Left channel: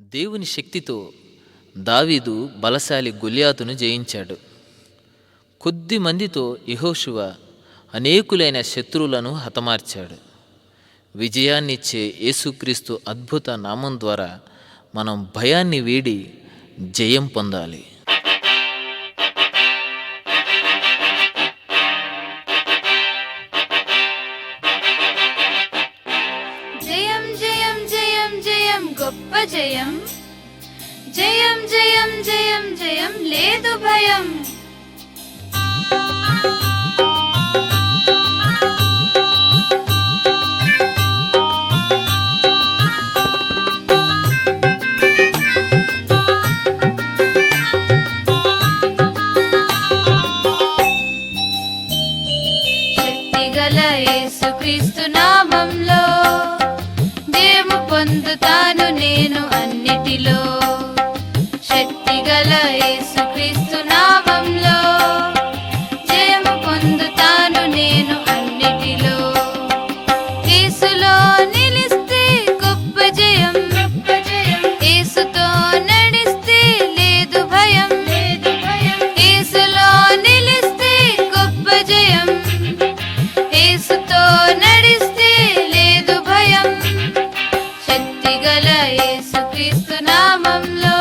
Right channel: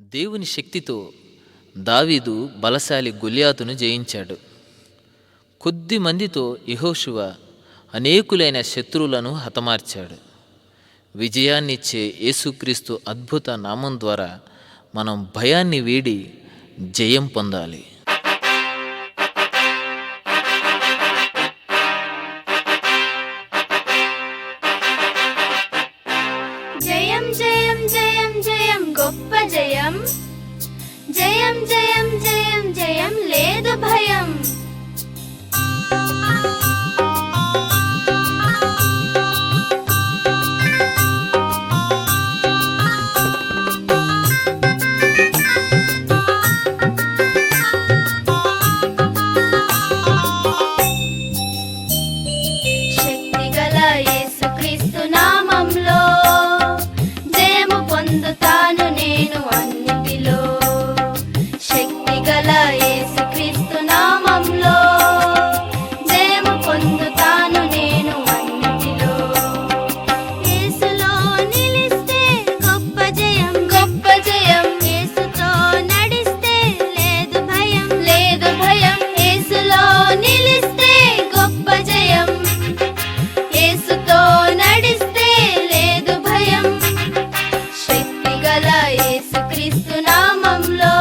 దేవుని శక్తితో దావీదు బలశాలి గొలియాతును జయించాడు. కొద్ది మందితో యెహోషువ అనేకులైన శత్రువులను హతమార్చాడు. విజయాన్నిచ్చే యేసుక్రీస్తు అద్భుత నామం ద్వారా మనం భయాన్ని వీడి జయం పొందాలి. జయం జయం జయం జయం గొప్ప జయం, జయం జయం జయం జయం లేదు భయం. శక్తిగల యేసుక్రీస్తు నామంలో జయము పొందుతాను నేను అన్నిటిలో. శక్తిగల యేసుక్రీస్తు నామంలో జయము పొందుతాను నేను అన్నిటిలో. యేసులో నిలిస్తే గొప్ప జయం, గొప్ప జయం. యేసుతో నడిస్తే లేదు భయం, లేదు భయం. యేసులో నిలిస్తే గొప్ప జయం, యేసుతో నడిస్తే లేదు భయం. శక్తిగల యేసుక్రీస్తు నామంలో